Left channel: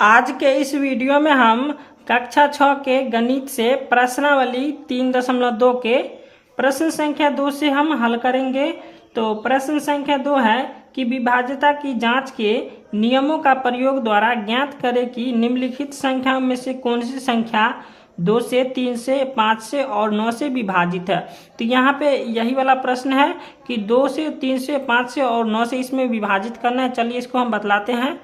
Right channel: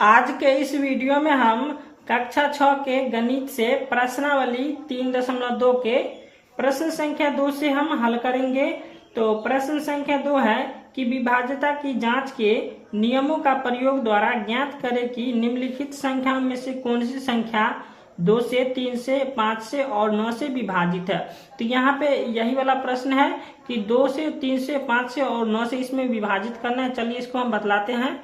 आज के इस वीडियो में हम कक्षा 6 के गणित से प्रश्नावली 3.2 के प्रश्न संख्या 2 से हम हल करेंगे। तो प्रश्न संख्या 2 है कि विभाज्यता की जांच के नियमों का प्रयोग द्वारा ज्ञात करें कि निम्नलिखित संख्याओं में से कौन सी संख्या 2 से 3 से 5 से और 9 से विभाजित है। तो यहाँ पे यही वाला प्रश्न है कि 2 से 3 से 5 से और 9 से इसमें विभाजित करना है। चलिए इसको हम बतलाते हैं।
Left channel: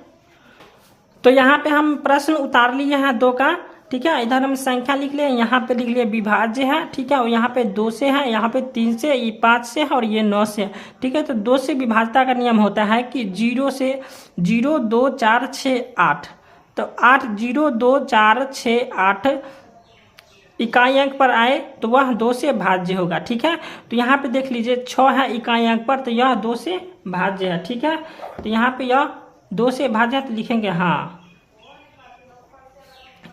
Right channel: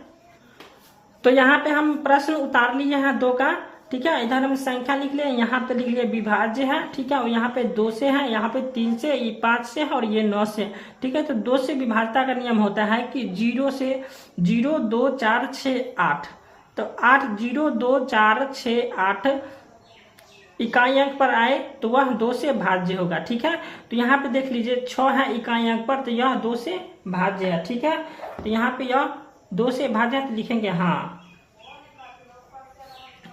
तो यहाँ पे हम प्रश्न उतार लिए हैं 2 का, ठीक है। इधर हम संख्या लिख लिए, यहाँ पे लिख लिए विभाज्य है, ठीक है। और यहाँ पे 2 से है, यहाँ पे 3 से, ये 5 से है और ये 9 से है, ठीक है। तो 2 से विभाज्यता का नियम होता है कि 0 से 0 2 4 6 8। तो 8 0 2 4 6 8 इकाई अंक पर आए तो वह 2 से भाज्य होगा, ठीक है। तो यहाँ पे देख लीजिए 6 है इकाई अंक पर, तो यह 2 से भाज्य है, ठीक है। तो यहाँ पे यह 2 से भाज्य तो लिखेंगे हाँ,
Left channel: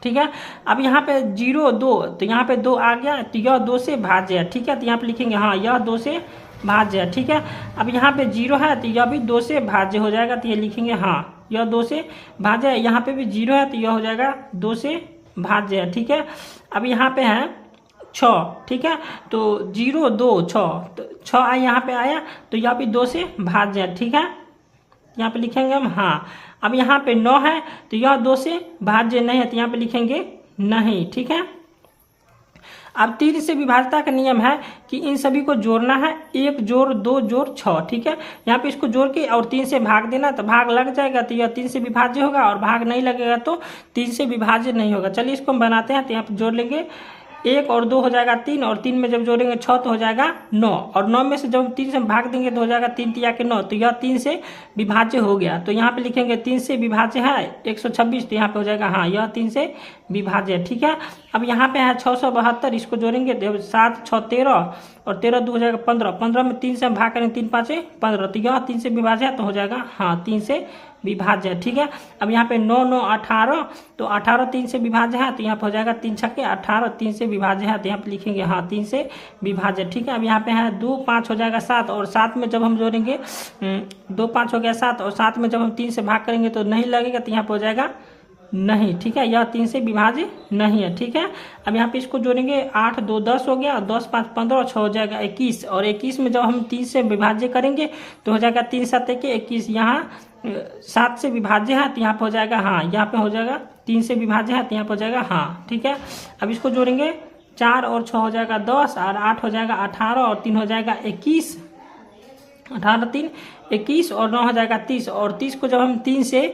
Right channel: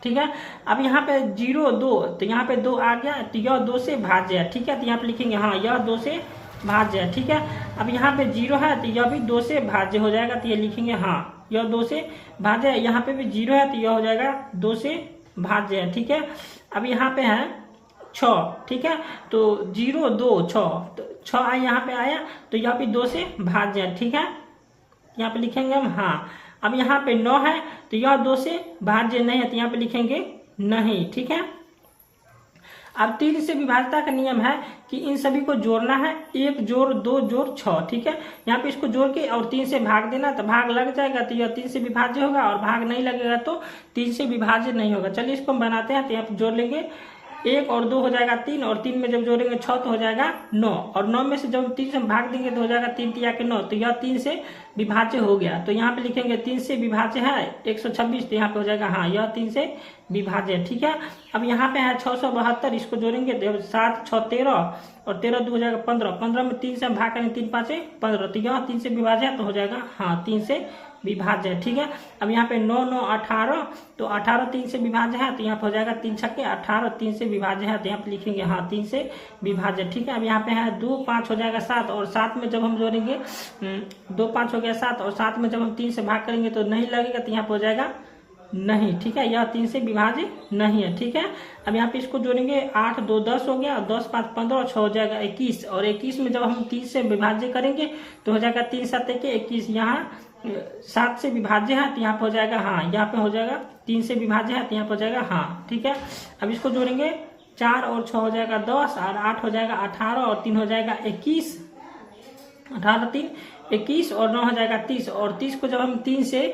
ठीक है। अब यहाँ पे 0 2, तो यहाँ पे 2 आ गया, तो यह 2 से भाज्य है, ठीक है। तो यहाँ पे लिखेंगे हाँ यह 2 से भाज्य है, ठीक है। अब यहाँ पे 0 है तो यह भी 2 से भाज्य हो जाएगा, तो ये लिखेंगे हाँ यह 2 से भाज्य है। यहाँ पे भी 0 है तो यह हो जाएगा 2 से भाज्य है, ठीक है। अब यहाँ पे है 6, ठीक है। तो 0 2 6, तो 6 यहाँ पे आया तो यह भी 2 से भाज्य है, ठीक है। यहाँ पे लिखेंगे हम हाँ। अब यहाँ पे 9 है तो यह 2 से भाज्य नहीं है, तो यहाँ पे लिखेंगे नहीं, ठीक है। अब 3 से विभाज्यता का नियम है कि इन सभी को जोड़ना है, 1 जोड़ 2 जोड़ 6, ठीक है। यहाँ पे इसको जोड़ के और 3 से भाग देना, तो भाग लग जाएगा तो यह 3 से विभाज्य होगा, और भाग नहीं लगेगा तो 3 से विभाज्य नहीं होगा। चलिए इसको हम बनाते हैं। तो यहाँ पे जोड़ लेंगे, 1 और 2 हो जाएगा 3, और 3 में जब जोड़ेंगे 6 तो हो जाएगा 9, और 9 में से जब 3 से भाग देंगे तो हो जाएगा 3 तिया के 9, तो यह 3 से विभाज्य हो गया। तो यहाँ पे लिखेंगे 3 से विभाज्य है 126, तो यहाँ पे हो जाएगा हाँ यह 3 से विभाज्य है, ठीक है। अब यहाँ पे है 672, इसको जोड़ेंगे 7 6 13, और 13 2 हो जाएगा 15, 15 में 3 से हम भाग करेंगे 3 5 15, तो यह 3 से विभाज्य है, तो हो जाएगा हाँ 3 से विभाज्य है, ठीक है। अब यहाँ पे 9 9 18, तो 18 3 से विभाज्य है, तो यहाँ पे हो जाएगा 3 6 18, 3 से विभाज्य है, तो यहाँ पे लिखेंगे हाँ 3 से विभाज्य, ठीक है। अब यहाँ पे है 2 5 हो जाएगा 7, और 7 में जब हम जोड़ेंगे 2 5 हो गया 7, और 7 में जब हम 3 से भाग करेंगे तो नहीं लगेगा, तो यहाँ पे हो जाएगा नहीं, ठीक है। यह 3 से विभाज्य नहीं है, ठीक है। अब यहाँ पे इसको जोड़ेंगे 8 2 10 हो गया, और 10 5 15 और 6 हो जाएगा 21, और 21 में जब हम 3 से विभाज्य करेंगे तो हो जाएगा 3 7 21, यहाँ 7 से विभाज्य है, तो यहाँ पे हो जाएगा हाँ, यहाँ पे हो जाएगा 3 से विभाज्य है, तो यहाँ पे हो जाएगा हाँ, ठीक है। अब इसको जोड़ेंगे 4 और 6 हो जाएगा 10, और 8 हो जाएगा 18, और 3 हो जाएगा 21, 18 3 21, और 9 हो जाएगा 30, और 30 को जब हम 3 से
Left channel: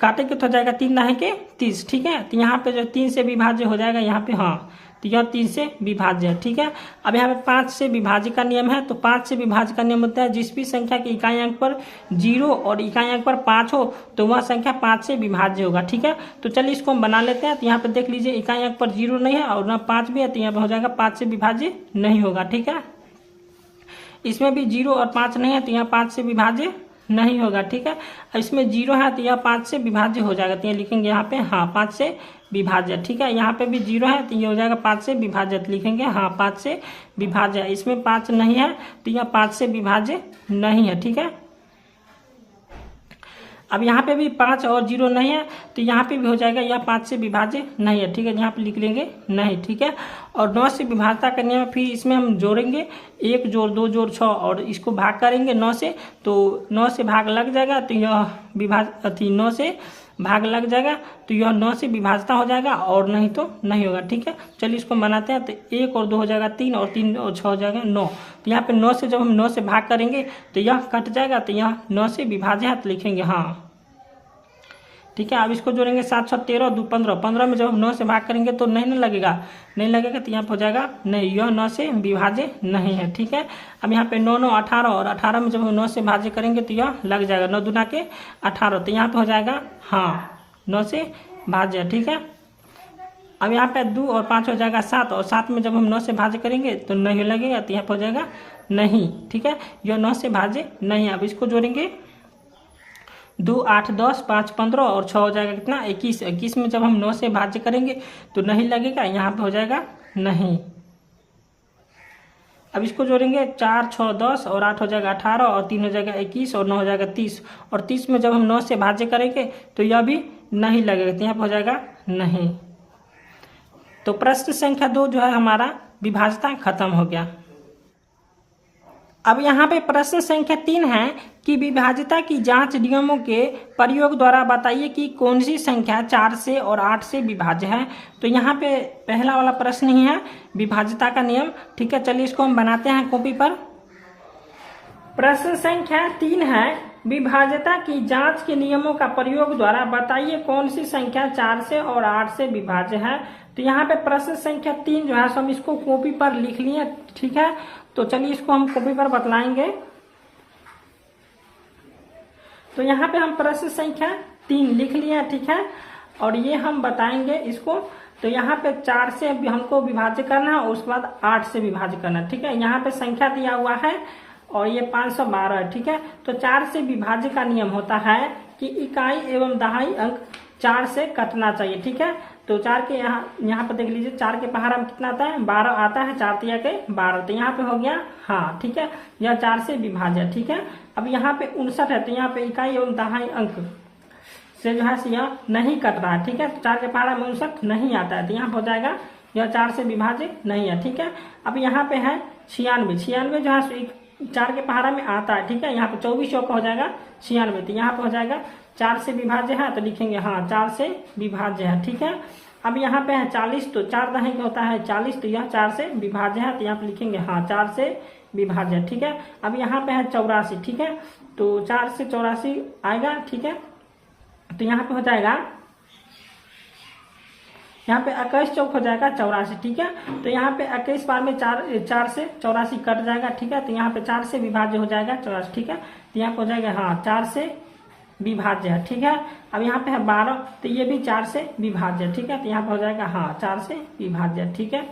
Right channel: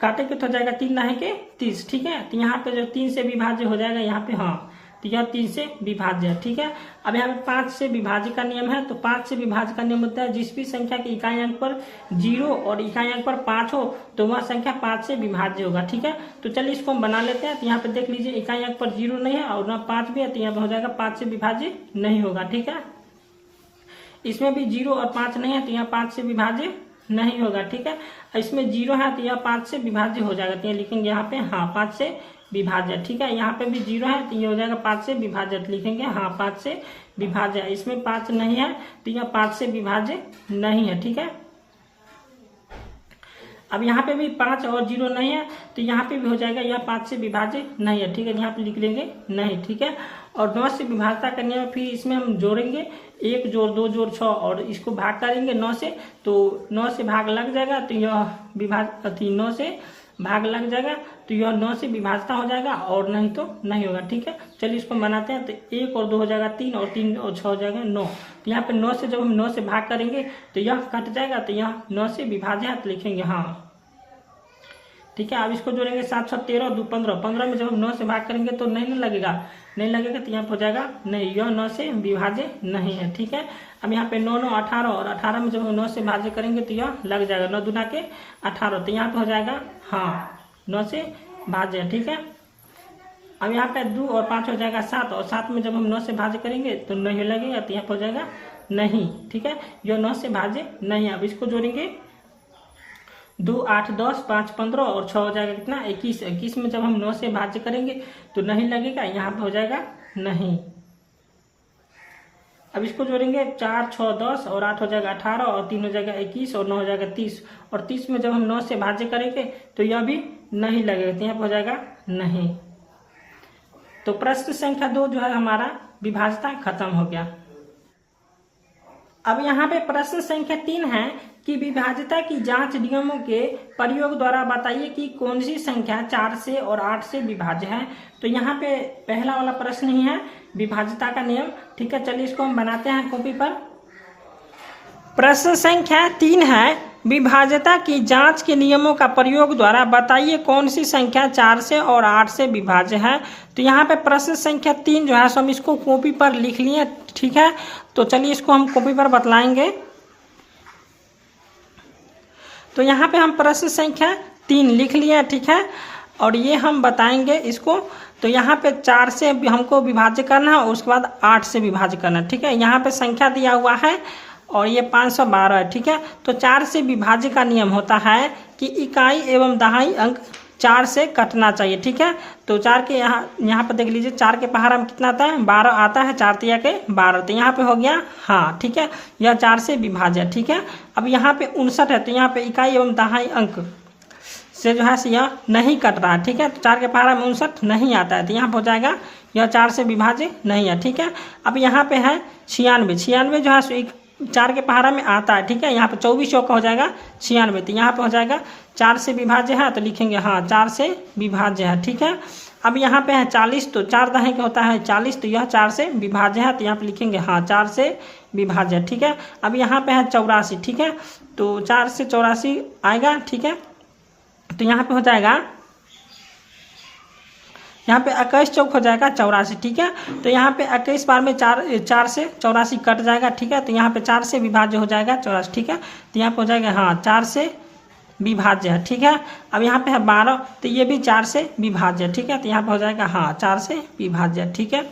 काटेंगे तो हो जाएगा 3 9 के 30, ठीक है। तो यहाँ पे जो 3 से विभाज्य हो जाएगा यहाँ पे हाँ, तो यह 3 से विभाज्य है, ठीक है। अब यहाँ पे 5 से विभाज्य का नियम है। तो 5 से विभाज्य का नियम होता है जिस भी संख्या के इकाई अंक पर 0 और इकाई अंक पर 5 हो तो वह संख्या 5 से विभाज्य होगा, ठीक है। तो चलिए इसको हम बना लेते हैं। तो यहाँ पे देख लीजिए इकाई अंक पर 0 नहीं है और ना 5 भी है, तो यहाँ पे हो जाएगा 5 से विभाज्य नहीं होगा, ठीक है। इसमें भी 0 और 5 नहीं है, तो यहाँ 5 से विभाज्य नहीं होगा, ठीक है। इसमें 0 है तो यह 5 से विभाज्य हो जाएगा, तो ये लिखेंगे यहाँ पे हाँ 5 से विभाज्य, ठीक है। यहाँ पे भी 0 है तो ये हो जाएगा 5 से विभाज्य, तो लिखेंगे हाँ 5 से विभाज्य। इसमें 5 नहीं है तो यह 5 से विभाज्य नहीं है, ठीक है। अब यहाँ पे भी 5 और 0 नहीं है तो यहाँ पे भी हो जाएगा यह 5 से विभाज्य नहीं है, ठीक है। यहाँ पे लिख लेंगे नहीं, ठीक है। और 9 से विभाज्यता करने में फिर इसमें हम जोड़ेंगे 1 जोड़ 2 जोड़ 6, और इसको भाग करेंगे 9 से, तो 9 से भाग लग जाएगा, तो यह 9 से भाग लग जाएगा, तो यह 9 से विभाज्यता हो जाएगा, और नहीं तो नहीं होगा, ठीक है। चलिए इसको बनाते हैं। तो 1 और 2 हो जाएगा 3, और 3 और 6 हो जाएगा 9, तो यहाँ पे 9 से जब हम 9 से भाग करेंगे तो यह कट जाएगा, तो यह 9 से विभाज्य है, तो लिखेंगे हाँ, ठीक है। अब इसको जोड़ेंगे 7 6 13 2 15, 15 में जब हम 9 से भाग करेंगे तो नहीं लगेगा, तो यहाँ पे हो जाएगा नहीं, यह 9 से विभाज्य नहीं है, ठीक है। अब यहाँ पे 9 9 18, और 18 में जब हम 9 से भाज्य करेंगे तो यह लग जाएगा 9 दूना के 18, तो यहाँ पे हो जाएगा हाँ 9 से भाज्य, ठीक है। अब यहाँ पे 2 और 5 हो जाएगा 7, और 7 में जब हम 9 से भाज्य करेंगे तो नहीं लगेगा, तो यहाँ पे हो जाएगा नहीं, ठीक है। यह 9 से भाज्य नहीं है। अब इसको जोड़ेंगे 2 8 10 5 15, और 6 हो जाएगा कितना 21, 21 में जब हम 9 से भाज्य करेंगे तो नहीं लगेगा, यहाँ पे हो जाएगा नहीं, अब इसको जोड़ेंगे 4 6 10 और 8 हो जाएगा 18 और 3 हो जाएगा 21 और 9 हो जाएगा 30 और 30 में जब हम 9 से भाज्य करेंगे तो यह भी नहीं लगेगा, तो यहाँ पर हो जाएगा नहीं। तो प्रश्न संख्या 2 जो है हमारा विभाज्यता खत्म हो गया। अब यहाँ पे प्रश्न संख्या 3 है कि विभाज्यता की जांच नियमों के प्रयोग द्वारा बताइए कि कौन सी संख्या 4 से और 8 से विभाज्य है। तो यहाँ पे पहला वाला प्रश्न ही है विभाज्यता का नियम। ठीक है, चलिए इसको हम बनाते हैं कॉपी पर। प्रश्न संख्या 3 है विभाज्यता की जांच के नियमों का प्रयोग द्वारा बताइए कौन सी संख्या 4 से और 8 से विभाज्य है। तो यहाँ पे प्रश्न संख्या 3 जो है सो हम इसको कॉपी पर लिख लिए। ठीक है, तो चलिए इसको हम कॉपी पर बतलाएंगे। तो यहाँ पे हम प्रश्न संख्या 3 लिख लिए। ठीक है, और ये हम बताएंगे इसको। तो यहाँ पे 4 से हमको विभाज्य करना है और उसके बाद 8 से विभाज्य करना है। ठीक है, यहाँ पे संख्या दिया हुआ है और ये 512 है। ठीक है, तो 4 से विभाज्य का नियम होता है कि इकाई एवं दहाई अंक 4 से कटना चाहिए। ठीक है, तो 4 के यहाँ पर देख लीजिए 4 के पहाड़ा में कितना आता है 12 आता है, 4 तिया के 12, तो यहाँ पे हो गया हाँ। ठीक है, यह 4 से विभाज्य। ठीक है, अब यहाँ पे 59 है, तो यहाँ पे इकाई एवं दहाई अंक से जो है यह नहीं कट रहा है। ठीक है, तो 4 के पहाड़ा में 59 नहीं आता है, तो यहाँ पर हो जाएगा यह 4 से विभाज्य नहीं है। ठीक है, अब यहाँ पे है 96 जो है 4 के पहाड़ा में आता है। ठीक है, यहाँ पे 24 चौका हो जाएगा 96, तो यहाँ पे हो जाएगा 4 से विभाज्य है, तो लिखेंगे हाँ 4 से विभाज्य है। ठीक है, अब यहाँ पे है 40, तो 4 दहाई का होता है 40, तो यह 4 से विभाज्य है, तो यहाँ पे लिखेंगे हाँ 4 से विभाज्य है। ठीक है, अब यहाँ पे है 84। ठीक है, तो 4 से 84 आएगा। ठीक है, तो यहाँ पे हो जाएगा यहाँ पे 21 चौक हो जाएगा 84। ठीक है, तो यहाँ पे 21 बार में 4 से 84 कट जाएगा। ठीक है, तो यहाँ पे 4 से विभाज्य हो जाएगा 84। ठीक है, तो यहाँ पे हो जाएगा हाँ 4 से विभाज्य है। ठीक है, अब यहाँ पे है 12, तो ये भी 4 से विभाज्य है। ठीक है, तो यहाँ पे हो जाएगा हाँ 4 से विभाज्य। ठीक है,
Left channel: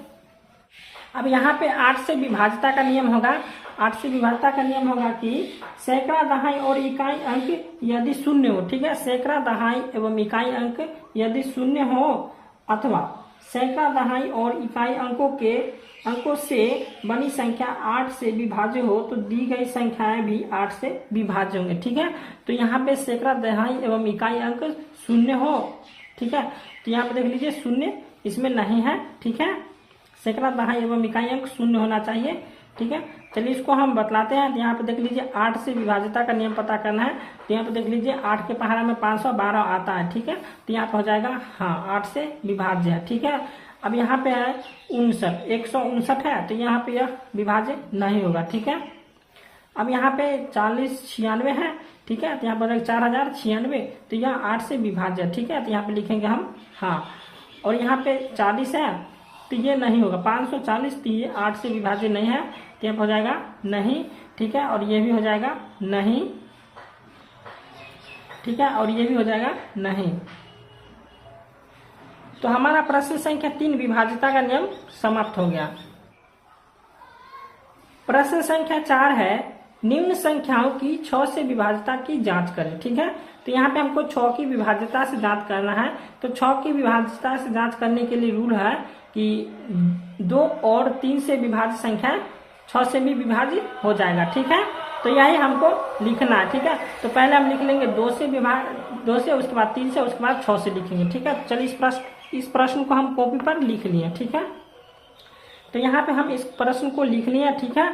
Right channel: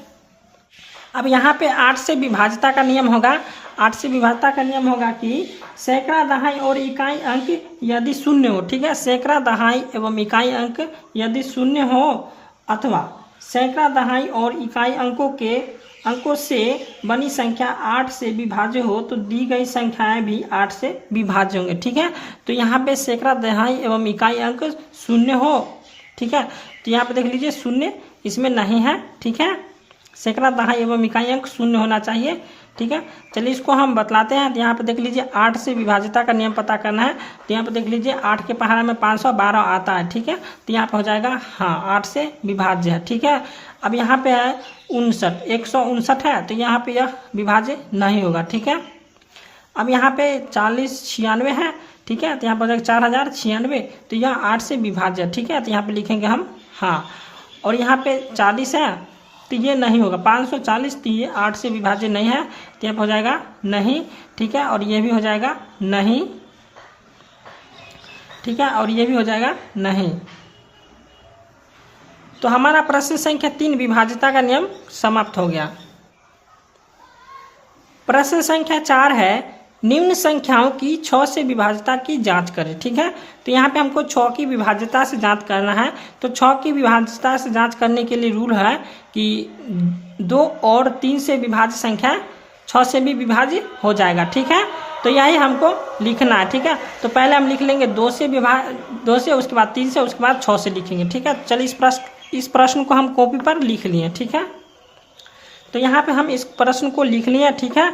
अब यहाँ पे 8 से विभाज्यता का नियम होगा। 8 से विभाज्यता का नियम होगा कि सैकड़ा दहाई और इकाई अंक यदि शून्य हो। ठीक है, सैकड़ा दहाई एवं इकाई अंक यदि शून्य हो अथवा सैकड़ा दहाई और इकाई अंकों से बनी संख्या 8 से विभाज्य हो तो दी गई संख्याएं भी 8 से विभाज्य होंगे। ठीक है, तो यहाँ पे सैकड़ा दहाई एवं इकाई अंक शून्य हो। ठीक है, तो यहाँ पे देख लीजिए शून्य इसमें नहीं है। ठीक है, सैकड़ा दहाई एवं इकाई अंक शून्य होना चाहिए। ठीक है, चलिए इसको हम बतलाते हैं। तो यहाँ पे देख लीजिए 8 से विभाज्यता का नियम पता करना है। तो यहाँ पे देख लीजिए 8 के पहाड़ा में 512 आता है। ठीक है, तो यहाँ पे हो जाएगा हाँ 8 से विभाज्य है। ठीक है, अब यहाँ पे है 59, 159 है, तो यहाँ पे यह विभाज्य नहीं होगा। ठीक है, अब यहाँ पे 40 96 है। ठीक है, तो यहाँ पर हो जाएगा 4096, तो यह 8 से विभाज्य है। ठीक है, तो यहाँ पे लिखेंगे हम हाँ, और यहाँ पे 40 है, तो ये नहीं होगा 540, तो ये 8 से विभाज्य नहीं है, तो यहाँ हो जाएगा नहीं। ठीक है, और ये भी हो जाएगा नहीं। ठीक है, और ये भी हो जाएगा नहीं। तो हमारा प्रश्न संख्या 3 विभाज्यता का नियम समाप्त हो गया। प्रश्न संख्या 4 है निम्न संख्याओं की 6 से विभाज्यता की जांच करें। ठीक है, तो यहाँ पे हमको 6 की विभाज्यता से जांच करना है। तो 6 की विभाज्यता से जांच करने के लिए रूल है कि 2 और 3 से विभाज्य संख्या 6 से भी विभाज्य हो जाएगा। ठीक है, तो यही हमको लिखना है। ठीक है, तो पहले हम लिख लेंगे 2 से, उसके बाद 3 से, उसके बाद 6 से लिखेंगे। ठीक है, चलिए इस प्रश्न को हम कॉपी पर लिख लिए। ठीक है, तो यहाँ पे हम इस प्रश्न को लिख लिए। ठीक है,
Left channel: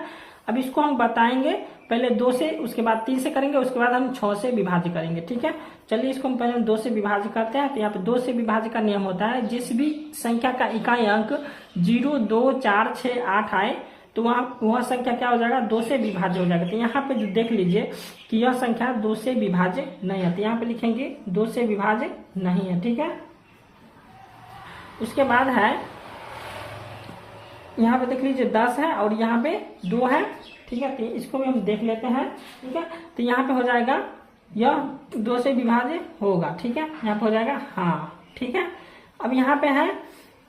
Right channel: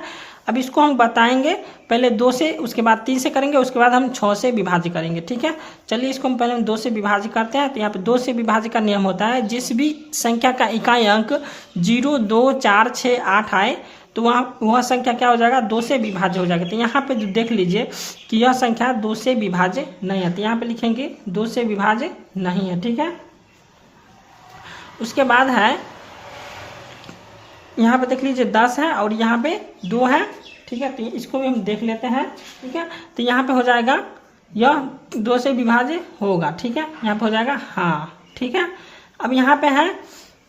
अब इसको हम बताएंगे पहले 2 से, उसके बाद 3 से करेंगे, उसके बाद हम 6 से विभाज्य करेंगे। ठीक है, चलिए इसको हम पहले 2 से विभाज्य करते हैं। तो यहाँ पे 2 से विभाज्य का नियम होता है जिस भी संख्या का इकाई अंक 0 2 4 6 8 आए तो वह संख्या क्या हो जाएगा 2 से विभाज्य हो जाएगा। तो यहाँ पे जो देख लीजिए कि यह संख्या 2 से विभाज्य नहीं है, तो यहाँ पे लिखेंगे 2 से विभाज्य नहीं है। ठीक है, उसके बाद है यहाँ पे देख लीजिए 10 है और यहाँ पे 2 है। ठीक है, तो इसको भी हम देख लेते हैं। ठीक है, तो यहाँ पे हो जाएगा यह 2 से विभाज्य होगा। ठीक है, यहाँ पे हो जाएगा हाँ। ठीक है, अब यहाँ पे है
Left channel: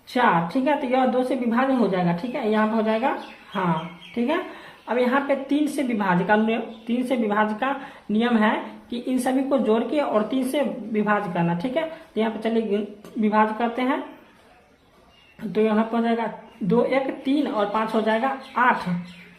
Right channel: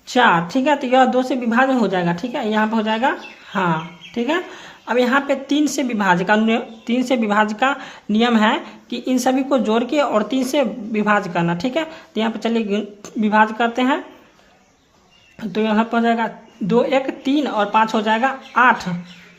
4। ठीक है, तो यह 2 से विभाज्य हो जाएगा। ठीक है, यहाँ पे हो जाएगा हाँ। ठीक है, अब यहाँ पे 3 से विभाज्य का नियम है कि इन सभी को जोड़ के और 3 से विभाज्य करना। ठीक है, तो यहाँ पे चलिए विभाज्य करते हैं। तो यहाँ पर हो जाएगा 2 1 3 और 5 हो जाएगा 8।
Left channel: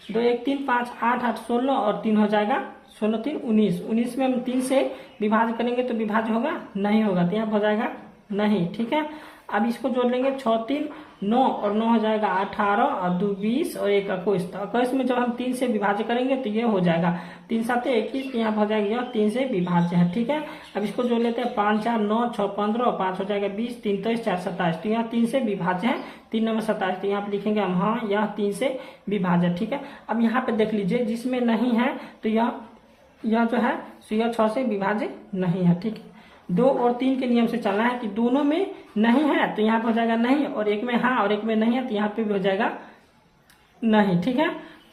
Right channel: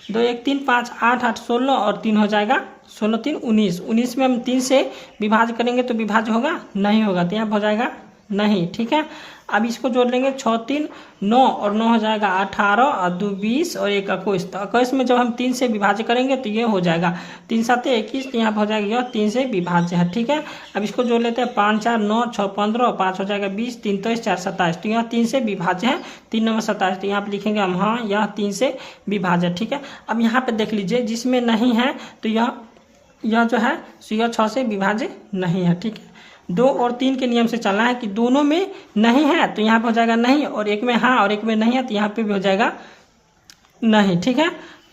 2 1 3 5 8 8 16 और 3 हो जाएगा 16 3 19। 19 में हम 3 से विभाज्य करेंगे तो विभाज्य होगा नहीं होगा, तो यहाँ हो जाएगा नहीं। ठीक है, अब इसको जोड़ लेंगे 6 3 9 और 9 हो जाएगा 18 और 2 20 और 1 21। तो 21 में जब हम 3 से विभाज्य करेंगे तो ये हो जाएगा 3 7 21, तो यहाँ हो जाएगा यह 3 से विभाज्य है। ठीक है, अब इसको जोड़ लेते हैं 5 4 9 6 15 और 5 हो जाएगा 20, 3 23 4 27, तो यह 3 से विभाज्य है, 3 9 27, तो यहाँ पे लिखेंगे हम हाँ यह 3 से विभाज्य। ठीक है, अब यहाँ पे देख लीजिए जिसमें नहीं है तो यह जो है यह 6 से विभाज्य नहीं है। ठीक है, 2 और 3 के नियम से चलना है कि दोनों में नहीं है तो यहाँ पे हो जाएगा नहीं, और एक में हाँ और एक में नहीं है तो यहाँ पे भी हो जाएगा नहीं। ठीक है,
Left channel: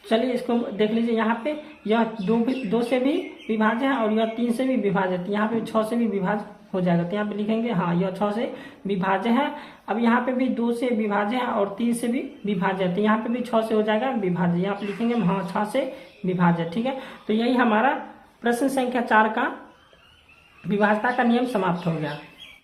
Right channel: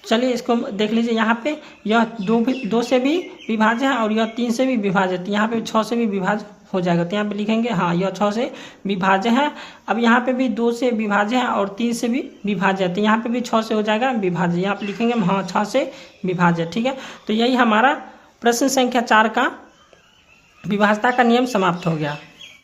चलिए इसको देख लीजिए, यहाँ पे यह 2 से भी विभाज्य है और यह 3 से भी विभाज्य है, तो यहाँ पे 6 से भी विभाज्य हो जाएगा, तो यहाँ पे लिखेंगे हाँ यह 6 से विभाज्य है। अब यहाँ पे भी 2 से विभाज्य है और 3 से भी विभाज्य है, तो यहाँ पे भी 6 से हो जाएगा विभाज्य, यहाँ पे लिखेंगे हाँ 6 से विभाज्य। ठीक है, तो यही हमारा प्रश्न संख्या 4 का विभाज्यता का नियम समाप्त हो गया।